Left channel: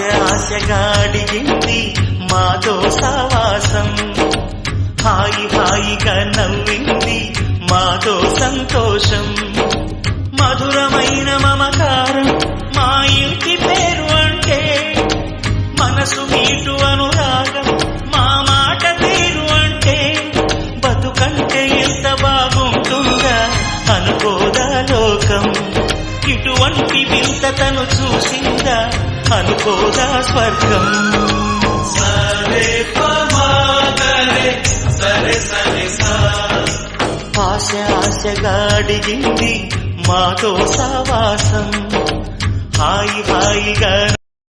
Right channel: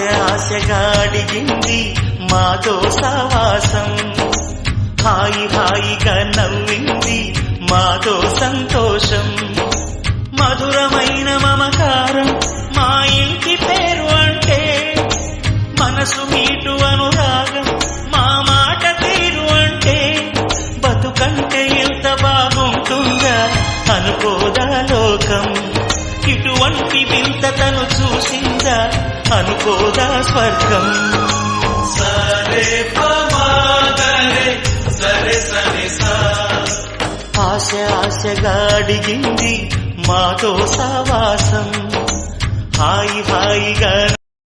ఆశగా అడిగింది మాతో సావాసం, హాయి హాయిగా నవ్వింది మాతో సంతోషం, మధురమైన మమకారం మా ఇంటి పేరు అంటే, మనసు మీటు అనురాగం మా మాట తీరు అంటే, బతుకంటే ఎంత బాగుంటుందా అనుకోదా లోకం, ఇటువంటి వింత తను చూసిందా అనుకోదా స్వర్గం. సరే పమాగరే సరే సరే సా, ఆశగా అడిగింది మాతో సావాసం, హాయి హాయిగా